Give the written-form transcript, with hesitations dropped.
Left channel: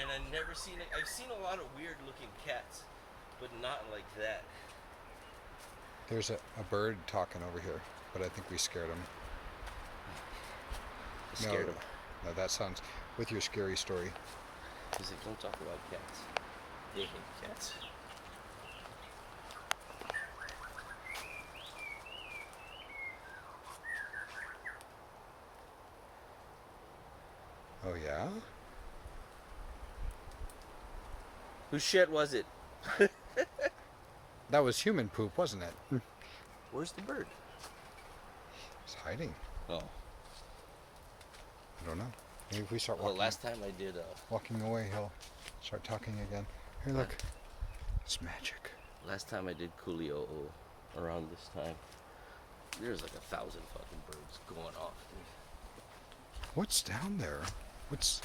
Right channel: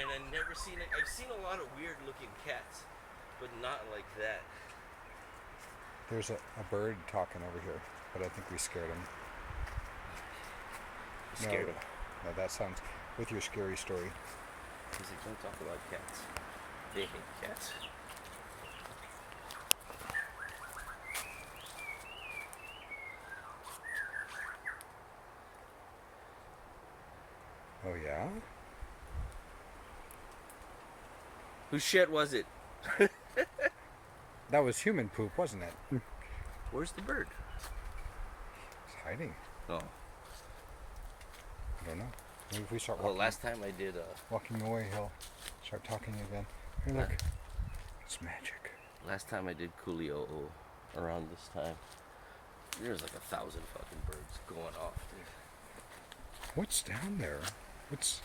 and I've never seen it. I've seen a lot of weird looking cats, but not like that. There's a bird talking over here, but I think we scared him. Scared him. No, that sounds with your scary story. He's like, don't talk about cats. They hate cats. Oh yeah? Whose shit was it? That was human poop, wasn't it? Where's the bird? It's hiding. Oh. I don't know. Maybe if we start Well, walking, last time I did. walking away, he'll start talking again. Hey, look. It's magic. Last time I did Coolio around this time, there's like 1,000 fucking birds going off, dude. What's down there? What's